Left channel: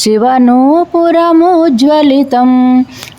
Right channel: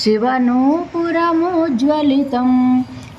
शिवनूपुरमुज्ज्वलितं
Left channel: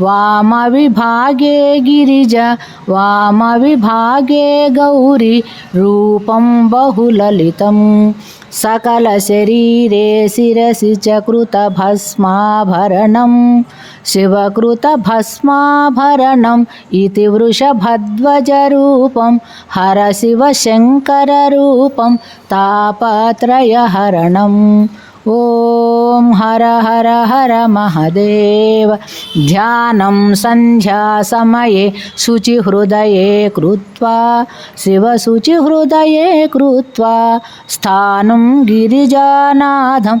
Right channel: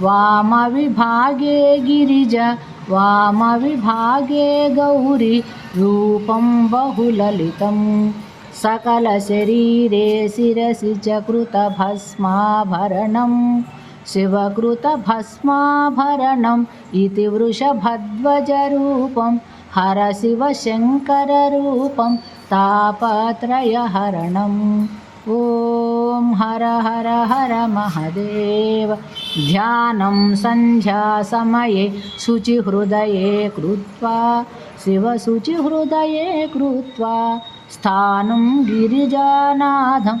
वामविभागे गिरिज विभागे गौरी रूपं बहुललितं सकलशरीरे शिरसि च कृतभस्माभरणम् शिवकृतभस्माभरणम् इति वृषभध्वजरूपं हरशिवशङ्कररूपं तापत्रयहरणम् ॐ हर हर हर महदेव ध्यानं सन्ध्यासमये शुचिहृदये कृत्वा शिवशुचिहृदये कृत्वा स्थानं गिरिजानाथं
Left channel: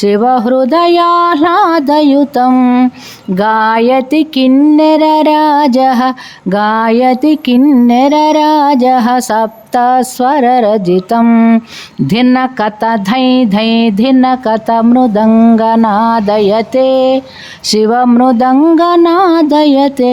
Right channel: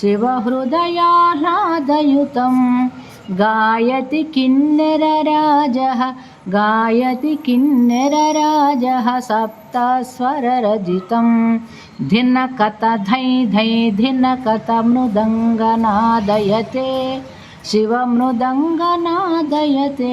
शिवहृदयाह्लादयुतं गायति किन्नरराजः गायति किन्नरराजः सप्तस्वररजितं धिनकत धै धै धिनकत मृदङ्गनादयते शिवमृदङ्गनादयते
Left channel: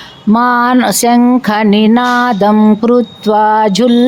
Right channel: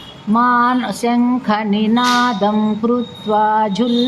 शङ्खनिनादं कृत्वा झुल्